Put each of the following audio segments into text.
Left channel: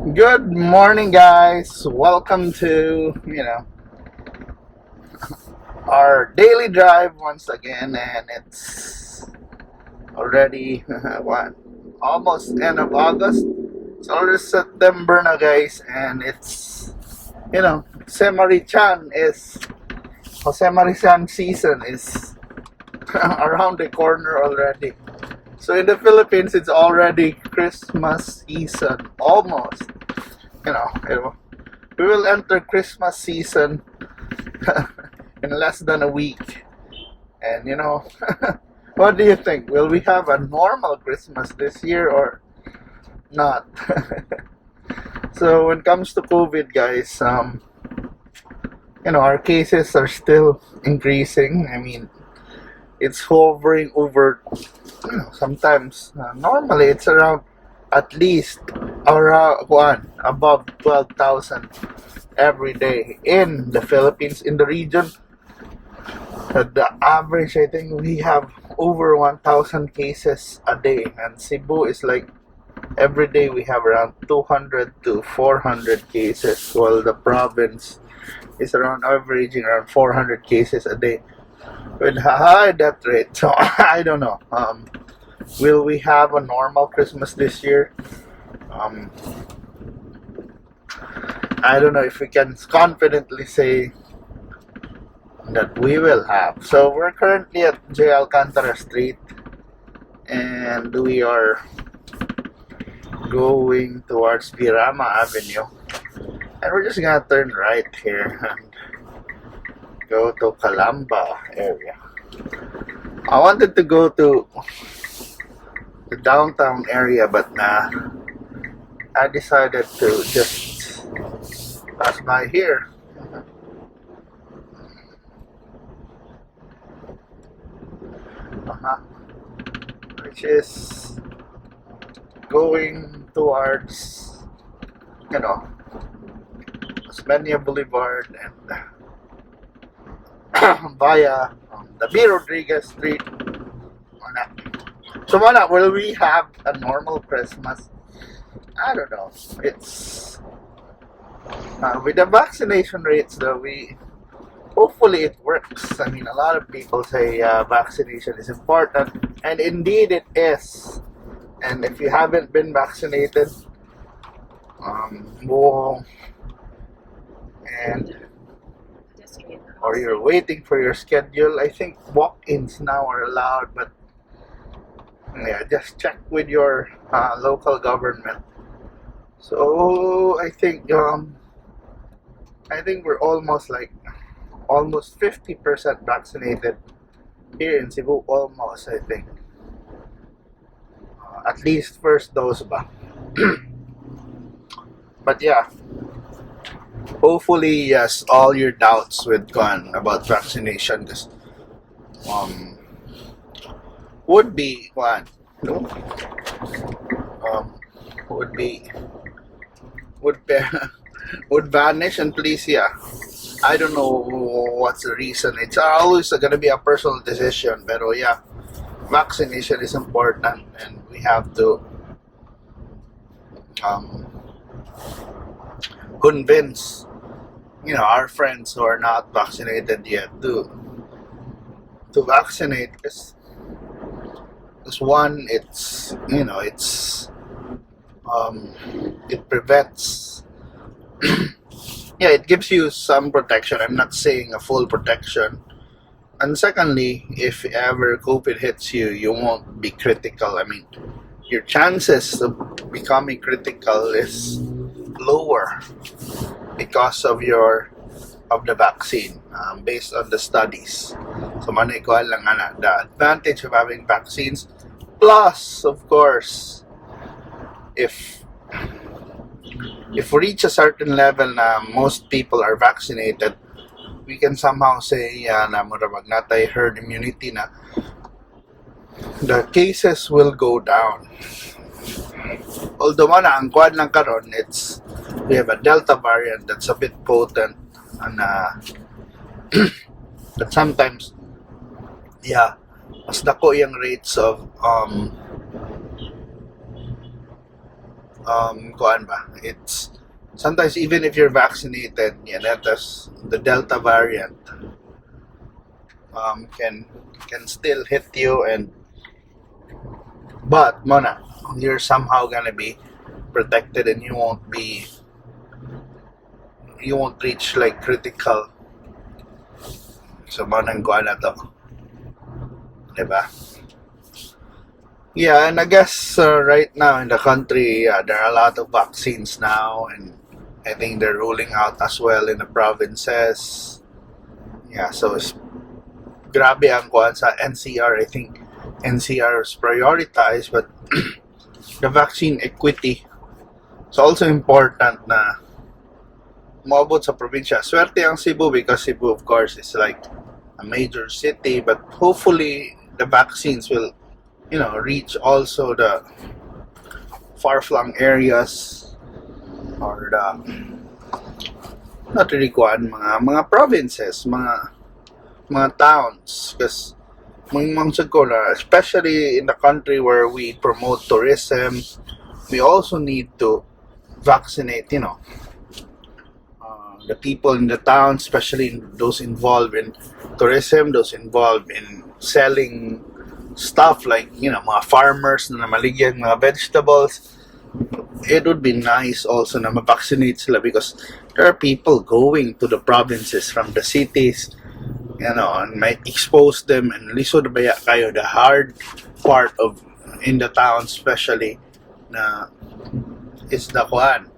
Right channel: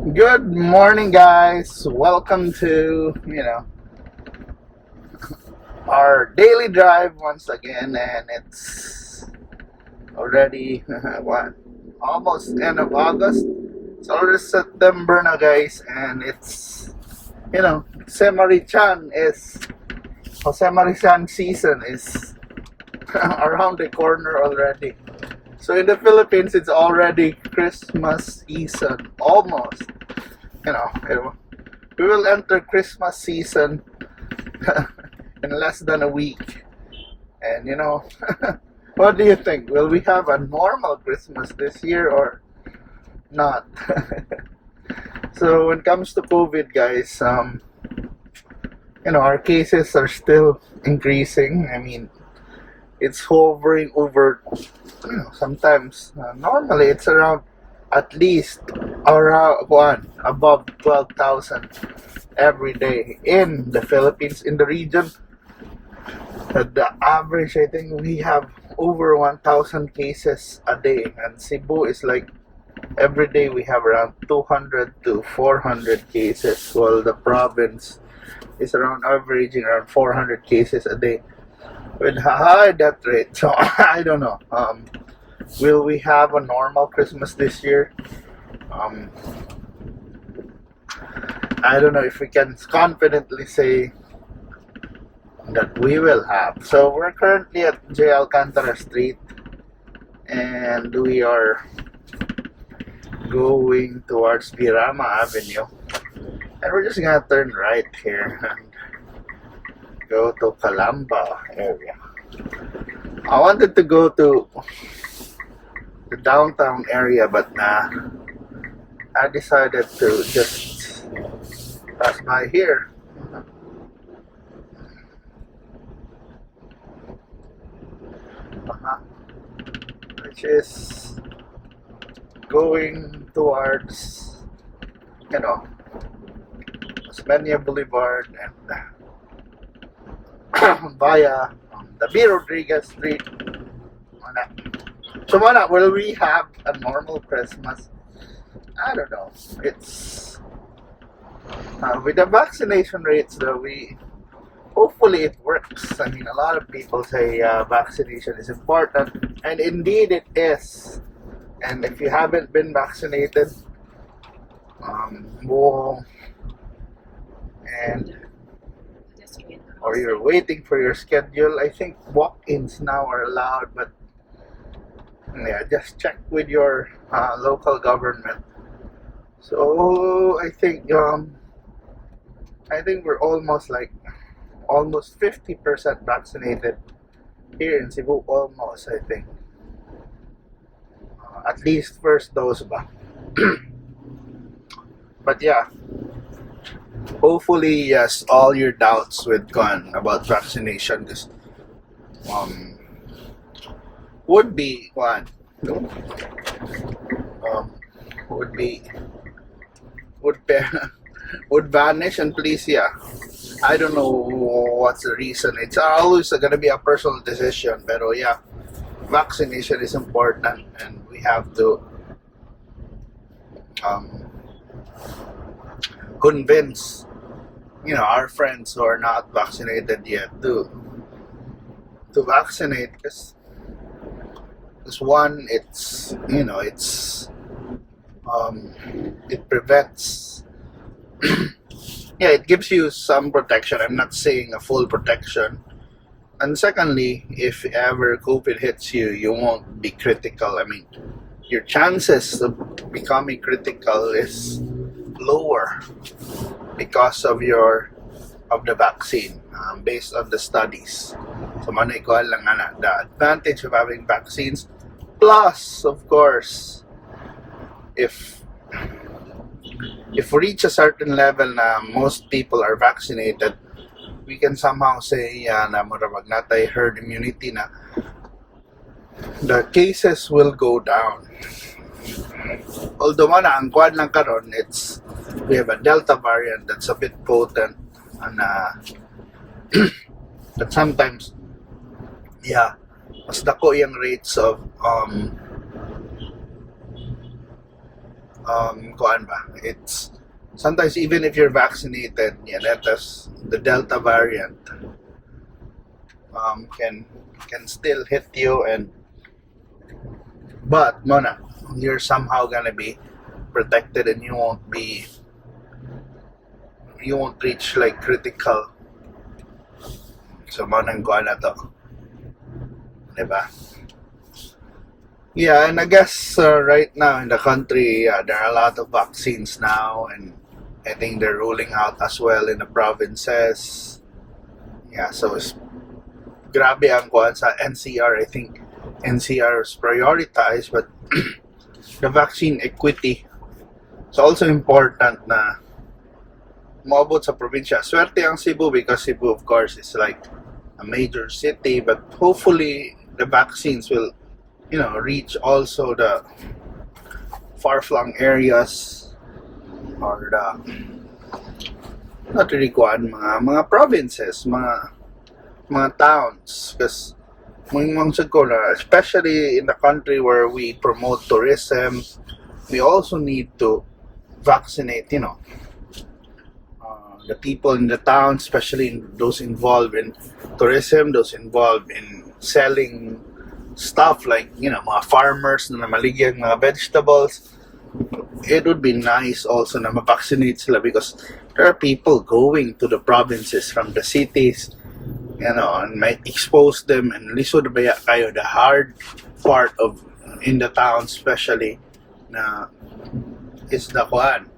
Good morning, guys. Welcome to, our daily drive once again, and it's already what? Almost end of August. It's already September now, guys, and it's Jose Marichan season is around the corner already. So in the Philippines, it's already Christmas season, almost. You know, we will enter Christmas season in less than a week. And what do you think? Will we have a normal Christmas this year or not? So when it comes to COVID, guys, our cases are still increasing. I mean, it's hovering over. Sometimes normally it's around at least around above 12,000 every day in the Philippines, in the region. The average, I think we have over 1,000 cases a day, and Cebu is like every day we have around 200 to 400 cases, while the province is around averaging around 400 cases a day with a high death rate. So I don't know. Will we have a normal Christmas this year? I don't know if we can confidently say that we will have. So we're currently at UC Alcantara Street, and we are going towards Rama Avenue, and we're just gonna turn right here and go to Kalami area. I wanted to go to the downtown area, but I decided to just pass by here. Which is going towards, Escario Boulevard and via the B. Rodriguez Street. So will we have a normal Christmas? I don't know. It's with the vaccination rates though, hopefully it works. I mean, a lot of people say vaccination is important, and indeed it is. And if you haven't been vaccinated, or you're waiting for your schedule, I think walk-ins now are allowed, but just check with your local government. So I think we're almost 50% vaccinated here in Cebu. Almost, I think. At least first dose ba. But yeah, hopefully yes, all your doubts would gone about vaccination, because would be one would be would vanish, and please, I don't know what's the reason. It's always gonna be a personal decision, pero vaccination is important, and we have to convince our friends who are not vaccinated yet to vaccinate, because one, it prevents it gives you some protection. I'm not saying a full protection. And secondly, if ever COVID hits you, you won't be critical. I mean, your chances of becoming critical is lower because of the vaccine, based on the studies. So manay ko lang the advantage of having vaccines. Plus, of course, if we reach a certain level na most people are vaccinated, we can somehow say na murabag natay herd immunity na the cases will go down. Although ang kuwan lang karon, we have a Delta variant that's a bit potent, and but sometimes mas dako yung rates of kuan ba? It's sometimes even if you're vaccinated, yeah, that's the Delta variant can still hit you, and but mona, you're somehow gonna be protected, and you won't reach like critical. So mona ang kuan na to, diba? Yeah, and I guess right now in the country, there are a lot of vaccines now, and I think they're rolling out as well in the provinces. Yeah, so it's grabe ang kuan sa NCR. I think NCR is prioritized, but the vaccine equity is also important na maabot sa probinsya. Swerte ang Cebu because Cebu, of course, is like a major city, but hopefully the vaccines will, reach also the far-flung areas, or the not really kuan, mga provinces, mga towns, because ko na, especially in the country where we promote tourism, we also need to vaccinate, the people in the town, especially those involved in tourism, those involved in selling stuff like, mga farmers na namaligyan mga vegetables. It would be nice also na ma-vaccinate sila, because there are people going to the provinces from the cities, and might expose them, and lisod baya kayo the hard part of in the town, especially na is the kuan,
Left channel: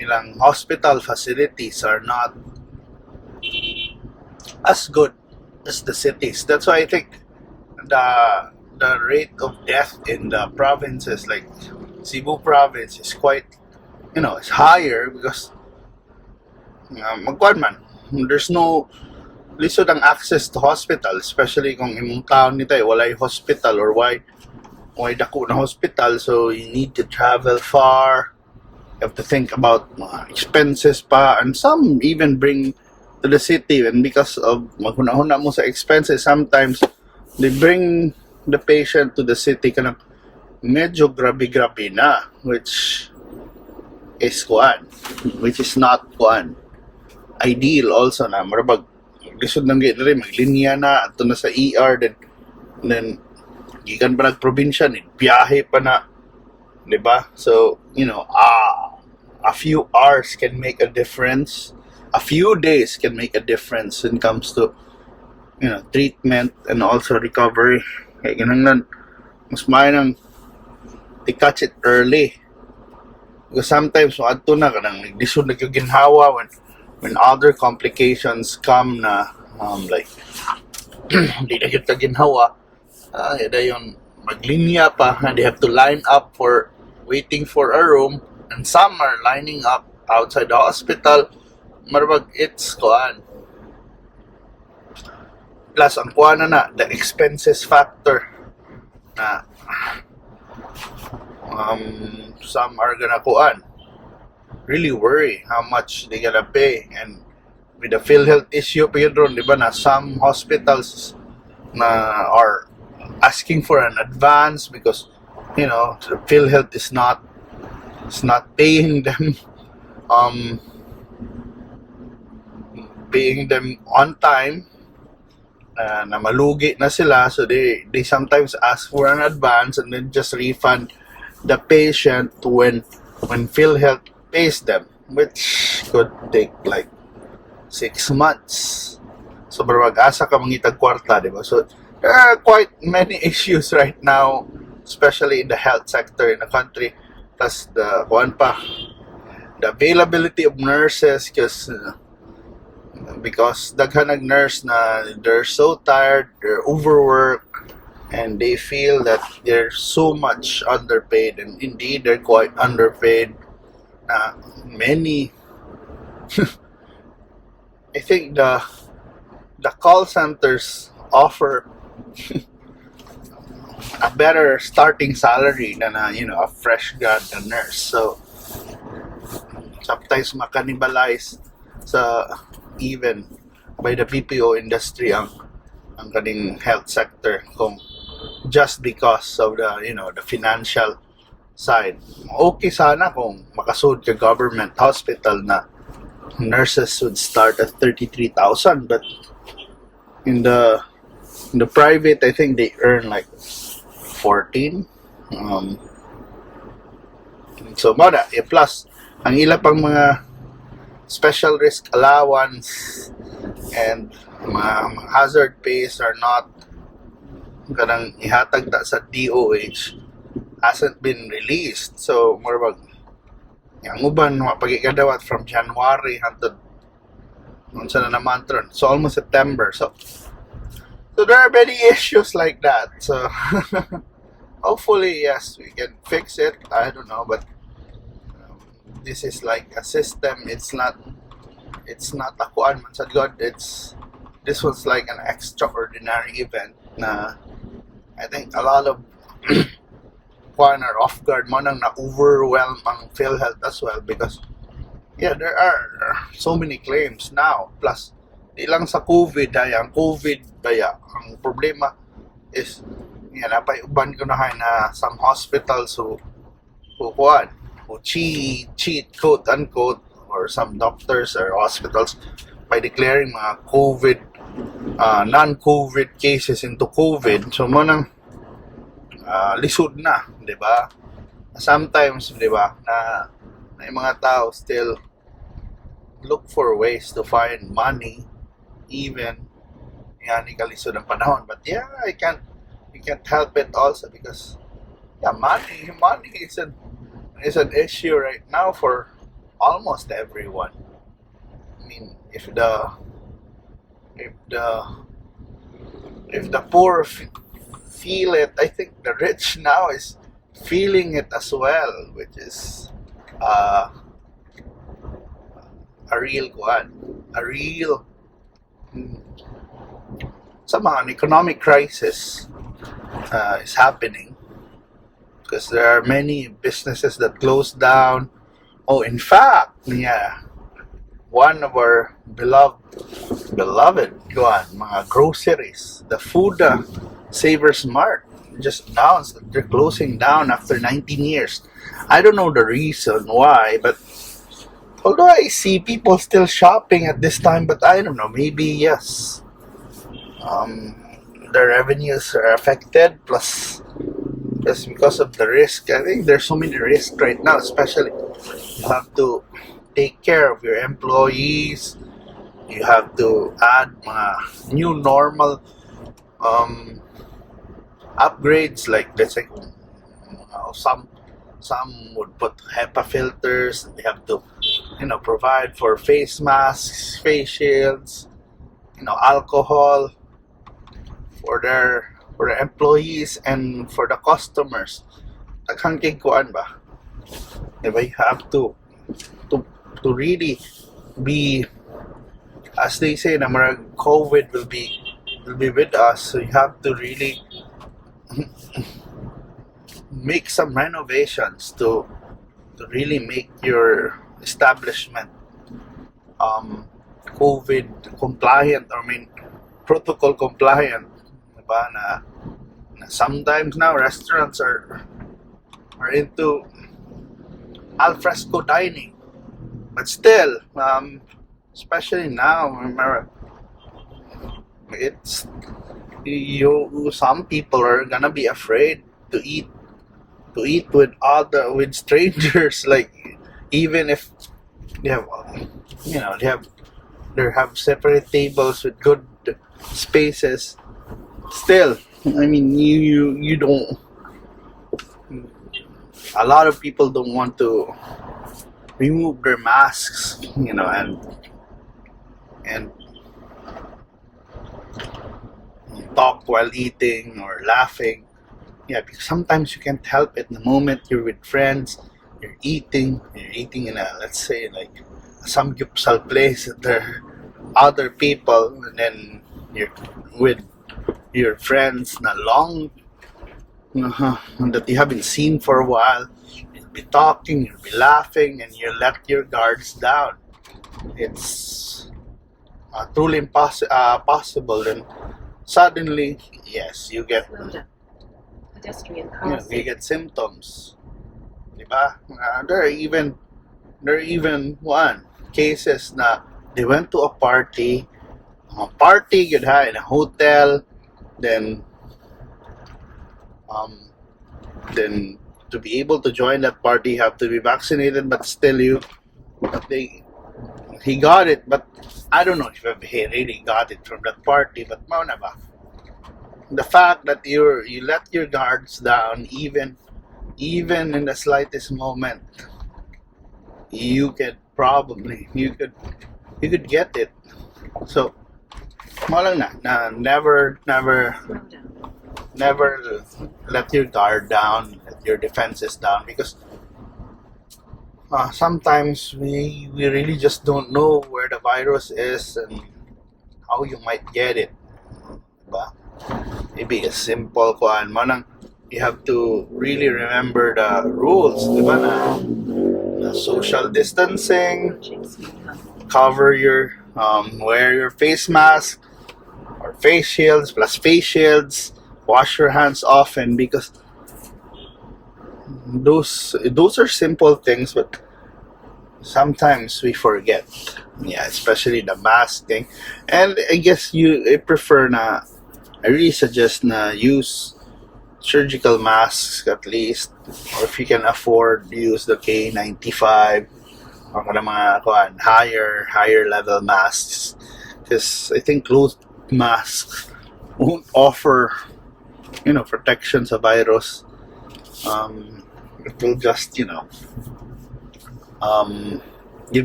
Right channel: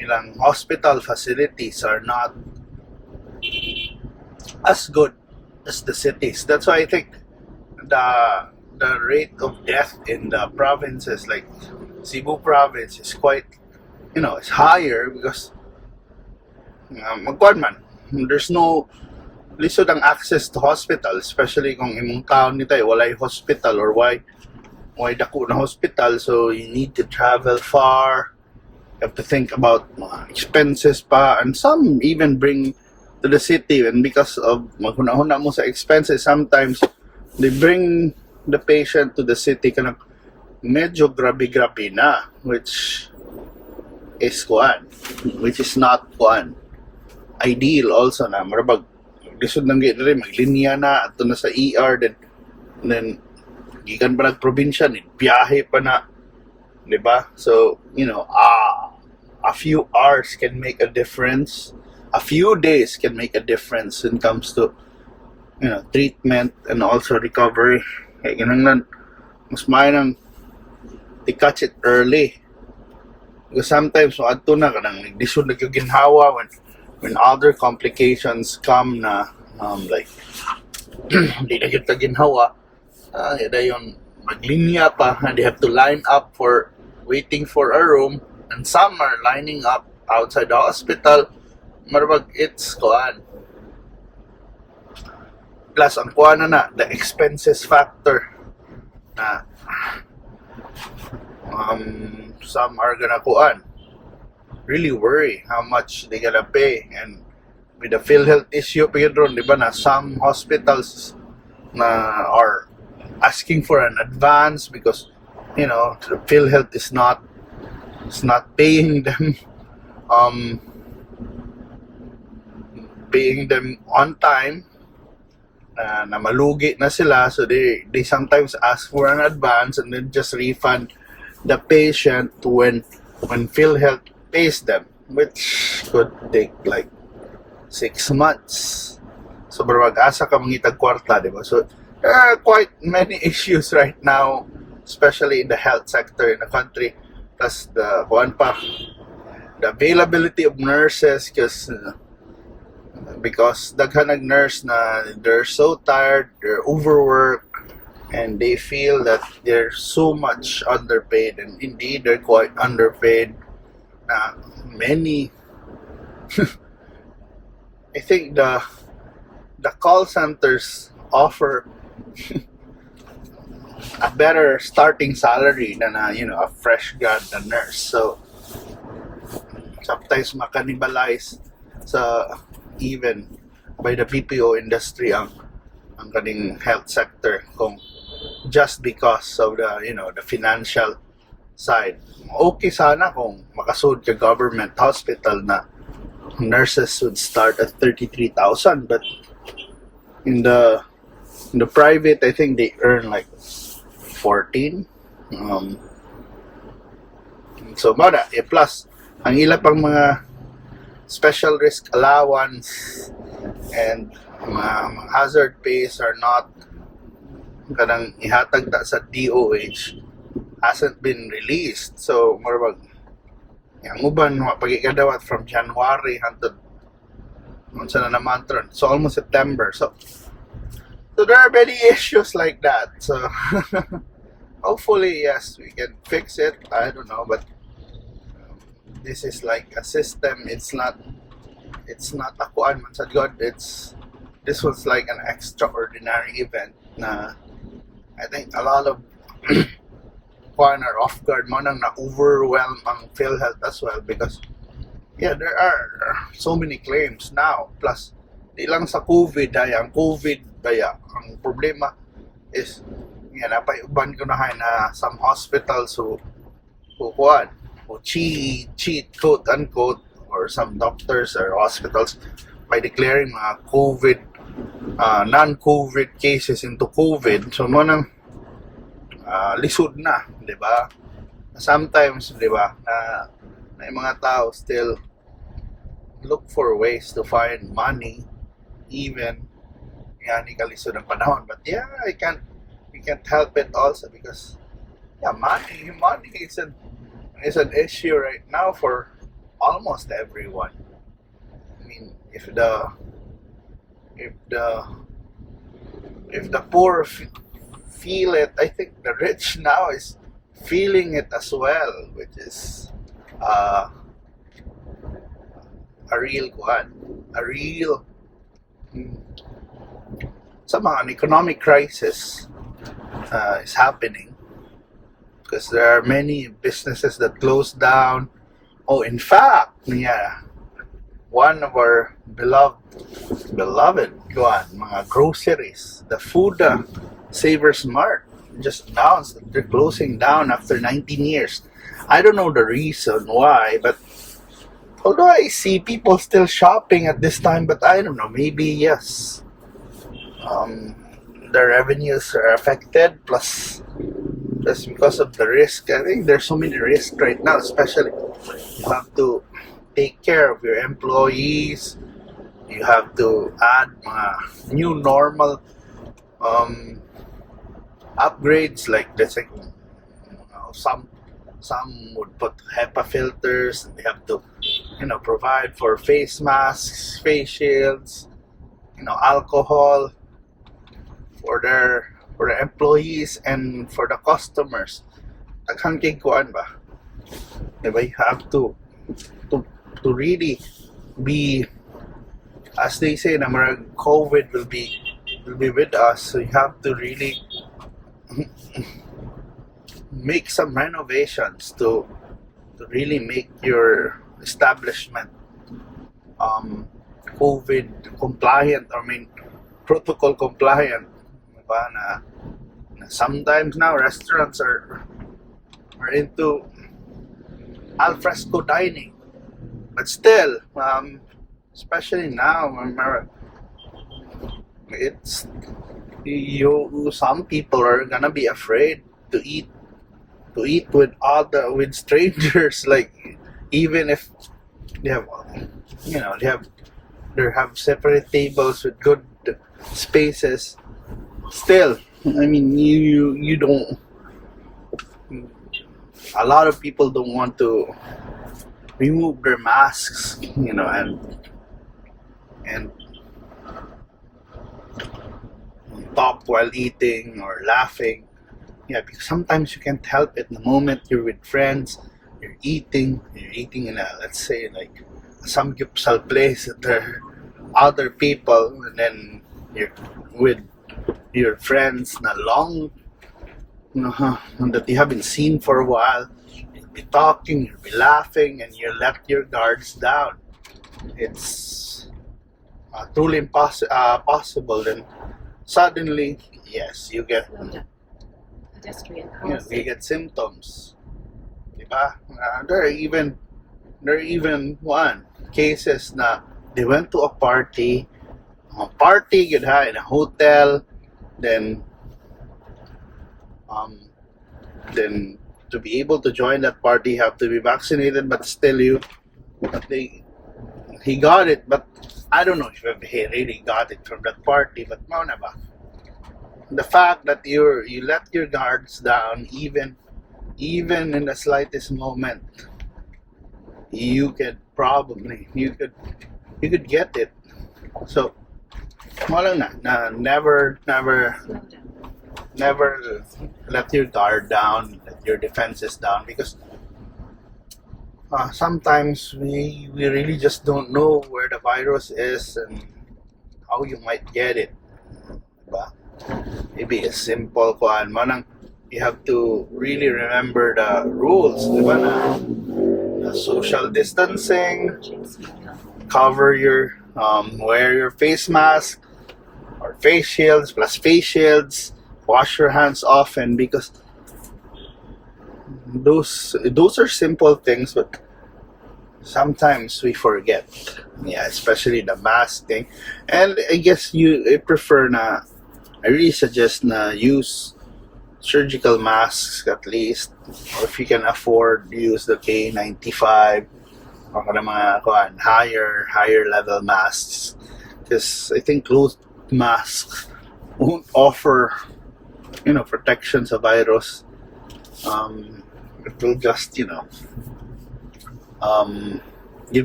ilang hospital facilities are not as good as the cities. That's why I think the rate of death in the provinces like Cebu province is quite, it's higher because magkuan man, there's no lisod ang access to hospital, especially kung imong town nito walay hospital, or why dako na hospital, so you need to travel far. You have to think about expenses pa, and some even bring to the city, and because of maghunahuna mo sa expenses, sometimes they bring the patient to the city kanang medyo grabe-grabe na, which is not ideal also na marabag lisod nang gid rin maglinya na ato na sa ER, then gikan pa nagprobinsya ni biyahe pa na, diba? So a few hours can make a difference, a few days can make a difference when it comes to treatment and also recovery. Kaya ganun, mas maayang to catch it early, because sometimes adto na kanang naglisod na yung ginhawa when other complications come na like hindi na kita ginhawa, yun maglinya pa, and they have to line up for waiting for a room, and some are lining up outside the hospital. Marabag it's kuan, plus ang kuan na the expenses factor na some are gonna kuan really worry how much they gonna pay, and with the PhilHealth issue Pedro, di ba, na some hospitals na are asking for an advance because the PhilHealth is not paying them on time, na malugi na sila, so they sometimes ask for an advance and then just refund the patient when PhilHealth pays them, which could take like 6 months. So mag-asa ka mangitag kwarta, di ba? So there are quite many issues right now, especially in the health sector in the country. Plus the availability of nurses, because daghan nag nurse na they're so tired, they're overworked, and they feel that they're so much underpaid, and indeed they're quite underpaid. Many I think the call centers offer a better starting salary than a fresh grad na nurse. So sometimes makanibalize sa even by the BPO industry ang kaning health sector, kung just because of the the financial side. Okay sana kung makasud ka government hospital na nurses would start at 33,000, but in the private, I think they earn like 14. So mara, plus ang ila pang mga special risk allowance and mga hazard pays are not kanang ihatag ta sa DOH hasn't been released. So more ang uban mapagikadawat from January hangtod unsa na naman tron. So almost September. So there are many issues like that. So hopefully, yes, we can fix it. I don't know, but this is like a system. It's not a kuan man sa God. This was like an extraordinary event na I think a lot of kuan are off guard mo nang na-overwhelm ang PhilHealth as well because yeah, there are so many claims now. Plus, di lang sa COVID ang COVID ang problema is napay uban ko na some hospitals who cheat quote unquote, or some doctors or hospitals by declaring mga COVID non-COVID cases into COVID. So mo nang lisod na, di ba? Sometimes, di ba, na yung mga tao still look for ways to find money even ni kalisod ang panahon. But yeah, we can't help it also because money is an issue right now for almost everyone. I mean, if the poor feel it, I think the rich now is feeling it as well, which is a real somehow an economic crisis is happening because there are many businesses that closed down. Oh, in fact, one of our beloved mga groceries, the Food Savers Mart, just announced that they're closing down after 19 years. I don't know the reason why, but although I see people still shopping at this time, but I don't know, maybe yes, the revenues are affected, plus because of the risk. I think there's so many risks right now, especially you have to take care of your employees, you have to add new normal upgrades, like let's say some would put HEPA filters, and they have to provide for face masks, face shields, alcohol for their employees and for the customers. Taghang kay kuan ba? Diba? You have to really be, as they say, na marag COVID will be with us. So you have to really make some renovations to really make your establishment COVID compliant, protocol compliant. Diba? Na sometimes now restaurants are into al fresco dining, but still, especially now, it's some people are gonna be afraid to eat with strangers, like even if they have separate tables with good spaces. Still, you don't. A lot of people don't want to remove their masks, and talk while eating or laughing. Yeah, because sometimes you can't help it. The moment you're with friends, you're eating in a, let's say, like some gyupsal place, there are other people, and then you're with your friends na long that you haven't seen for a while. You'll be talking, you'll be laughing, and you let your guards down. It's truly possible. And suddenly, yes, you get symptoms. ba? There are even one cases na they went to a party good ha, in a hotel, then then to be able to join that party you have to be vaccinated, but still he got it, but I don't know if he really got it from that party, but mauna ba? The fact that you let your guards down even in the slightest moment, you could get it. So mo lang na never let your guard down, let your defenses down, because sometimes we really just don't know where the virus is and how you might get it. Diba? Maybe a simple kuan mo nang you have to really remember the rules, diba, na social distancing, cover your wear your face mask or face shields plus face shields, wash your hands often, because those are simple things, but sometimes we forget. Yeah, especially the mask thing. And I guess I really suggest na use surgical masks at least, or if you can afford, use the K95 or kada mga higher level masks, because I think cloth masks won't offer protection sa virus. It will just give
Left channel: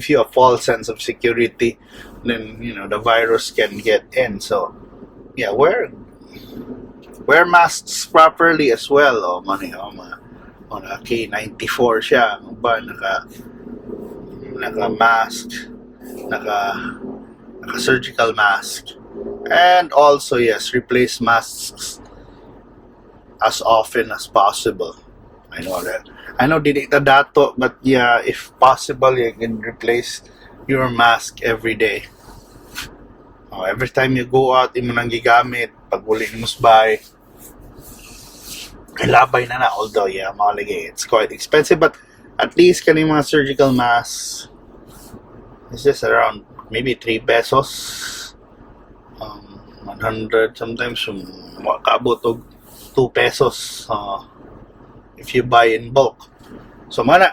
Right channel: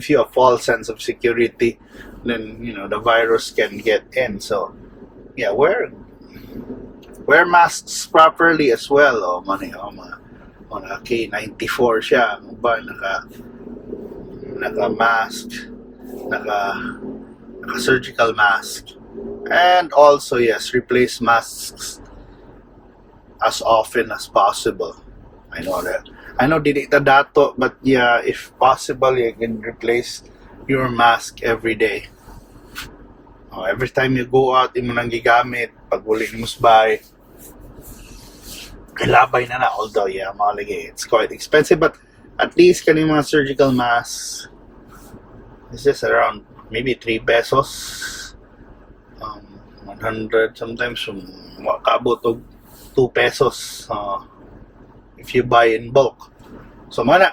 you a false sense of security, then the virus can get in. So yeah, wear masks properly as well. On a K94 siya, ba naka mask, naka surgical mask, and also yes, replace masks as often as possible. I know dili ta dato, but yeah, if possible you can replace your mask every day. Every time you go out, imo nang gigamit pag uli mo musbay. Labay na, although yeah, malagi it's quite expensive, but at least kaning mga surgical masks, it's just around maybe 3 pesos, 100, sometimes kaabot og 2 pesos if you buy in bulk. So mana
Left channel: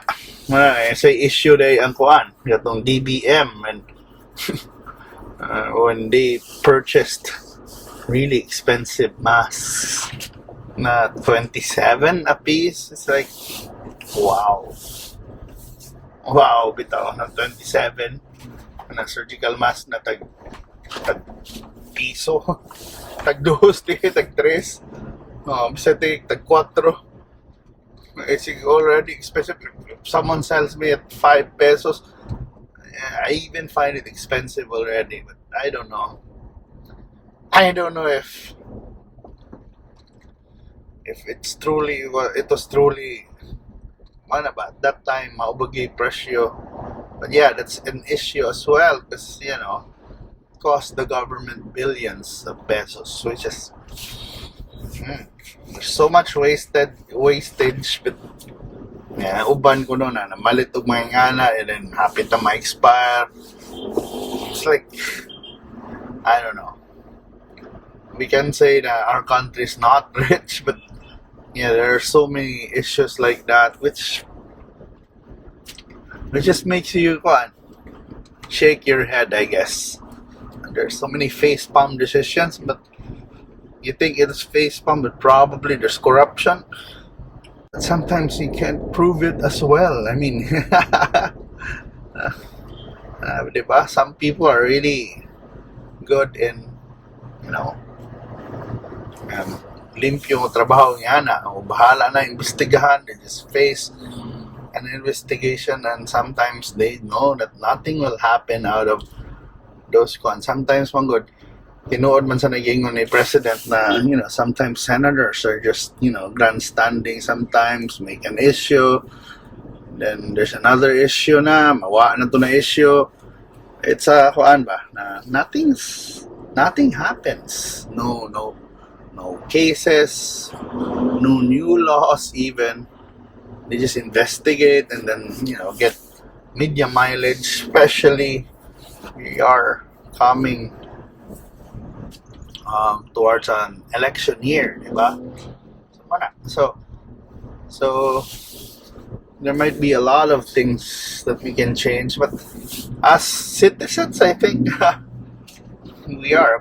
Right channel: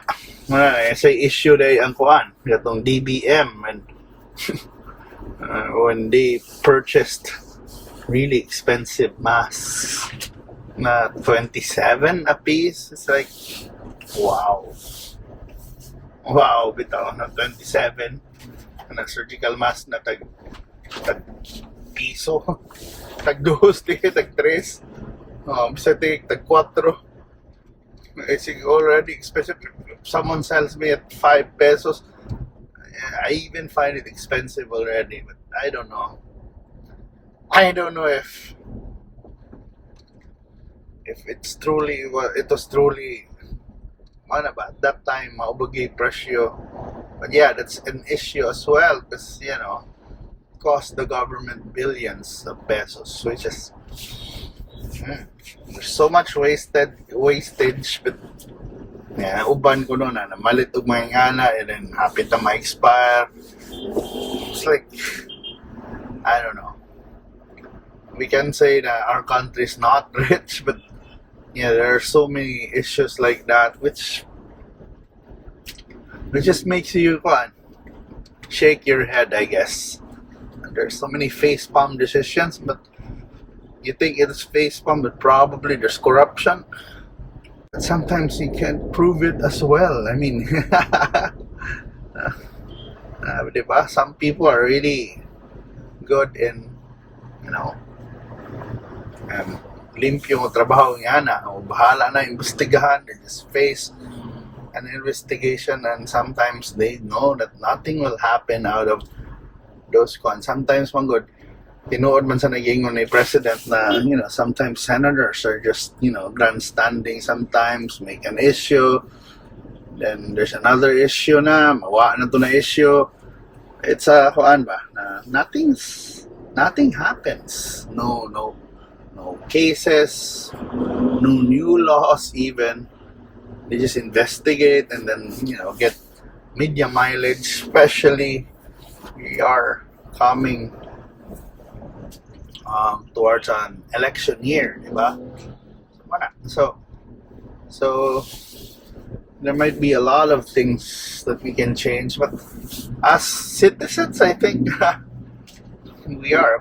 say issue day ang kuan gatong DBM, and when they purchased really expensive masks na 27 a piece, it's like wow, bitaw na 27 na surgical mask na tag piso, tag 2, tag 3, bisa tag 4. It's already expensive. Someone sells me at 5 pesos. I even find it expensive already, but I don't know if it was truly mana ba that time maubagi presyo. But yeah, that's an issue as well, because cost the government billions of pesos, which is there's so much wastage, but yeah, uban ko na malit og mga ngana, and then hapit na ma-expire. It's like, I don't know. We can say that our country is not rich, but yeah, there are so many issues like that, which just makes you shake your head, I guess. And there's so many facepalm decisions, but you think it's facepalm, but probably there's corruption. But sometimes you can't prove it as well. I mean, diba? Some people are really good in, limpyo ng trabaho niya na, o bahala na investigahan, they just face an investigation, and sometimes they know that nothing will happen out of those ones. Sometimes good, tinuod man sa nagingon ni president na sometimes senators are just grandstanding, sometimes make an issue, then there's another issue na mawa na to na issue. It's a kuan ba na nothing happens, no cases, no new laws even, They just investigate and then, get media mileage. Especially, we are coming towards an election year, diba? So there might be a lot of things that we can change, but as citizens, I think we are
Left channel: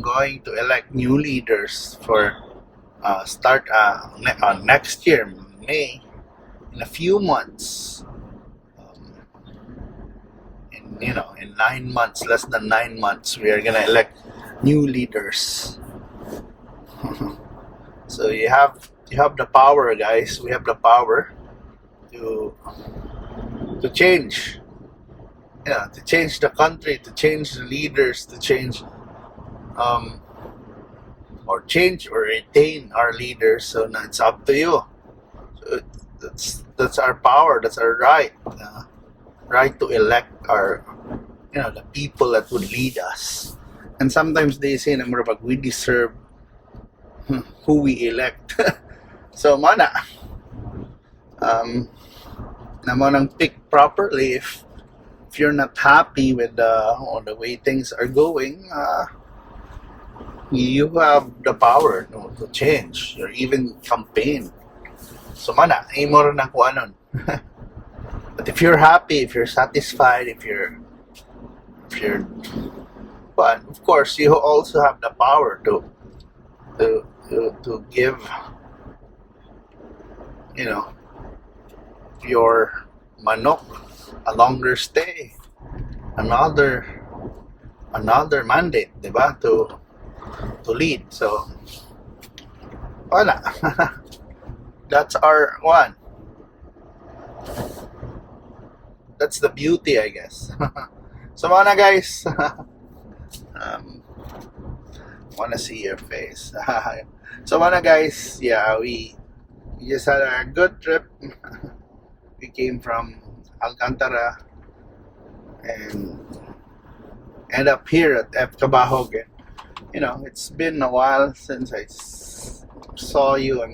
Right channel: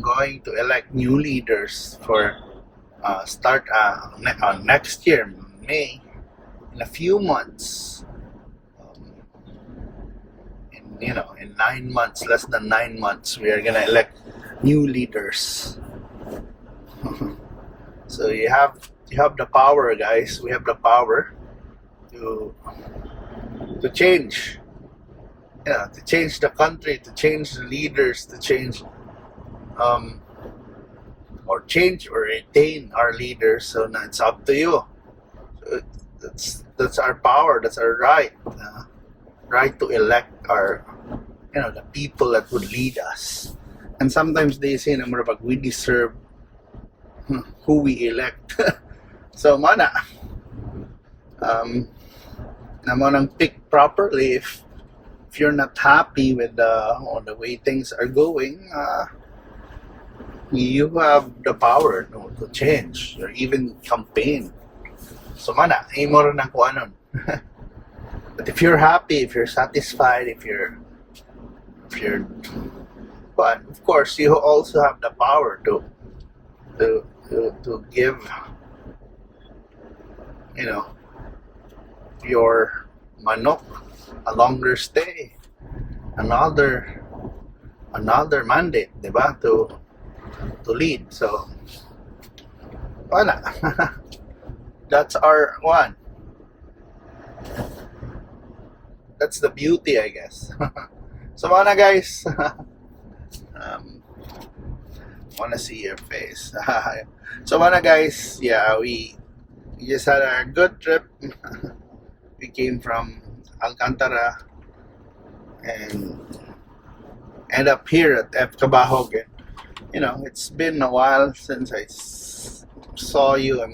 going to elect new leaders for start next year, May, in a few months. In 9 months, less than 9 months, we are gonna elect new leaders. So you have the power, guys. We have the power to change. To change the country, to change the leaders, to change or retain our leaders. So now it's up to you. So that's our power. That's our right. Right to elect our, the people that would lead us. And sometimes they say, we deserve who we elect. So nang pick properly. If you're not happy with the way things are going, you have the power to change or even campaign. So imo rin ako anon. But if you're happy, if you're satisfied, if you're but of course you also have the power to give your manok a longer stay, another mandate, diba, to lead. So that's our one. That's the beauty, I guess. So guys, wanna see your face. So guys, yeah, we just had a good trip. We came from Alcantara and end up here at F. Cabahog. It's been a while since I saw you.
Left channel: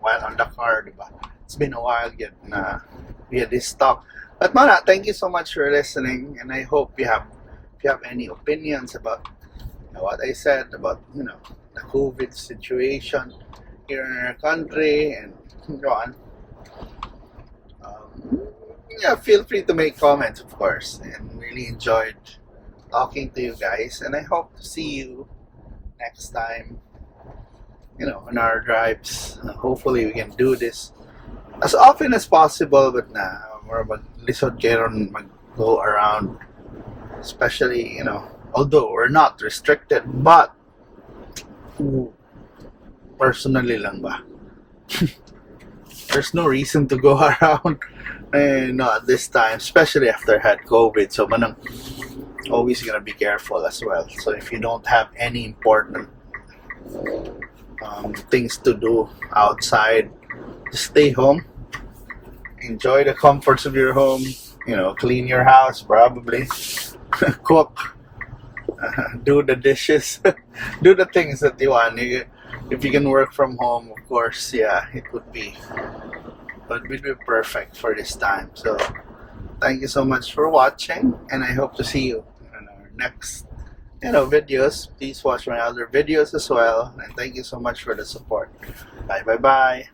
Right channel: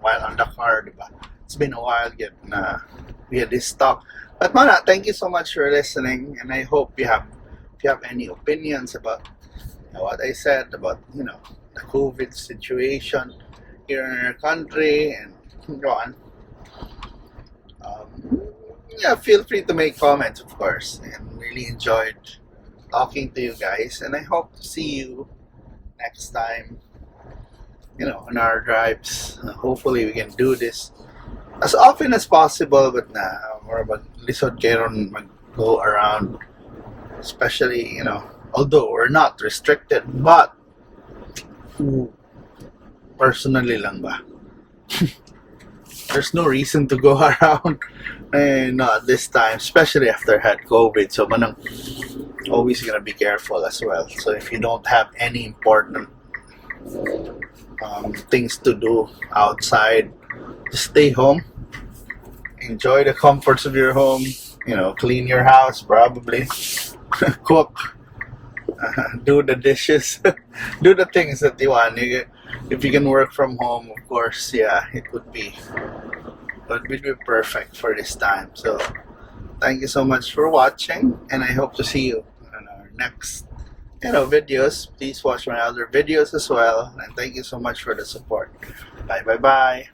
While on the car, diba? It's been a while getting we had this talk. But thank you so much for listening, and I hope if you have any opinions about what I said about the COVID situation here in our country and go on. Feel free to make comments, of course, and really enjoyed talking to you guys, and I hope to see you next time on our drives. Hopefully we can do this as often as possible, but more about lisod kayo ron go around, especially although we're not restricted, but personally lang ba. There's no reason to go around at this time, especially after I had COVID. So always gonna be careful as well. So if you don't have any important things to do outside, just stay home, enjoy the comforts of your home, clean your house, probably cook, do the dishes, do the things that you want. If you can work from home, of course, it would be perfect for this time. So thank you so much for watching, and I hope to see you in our next videos. Please watch my other videos as well, and thank you so much for the support. Bye.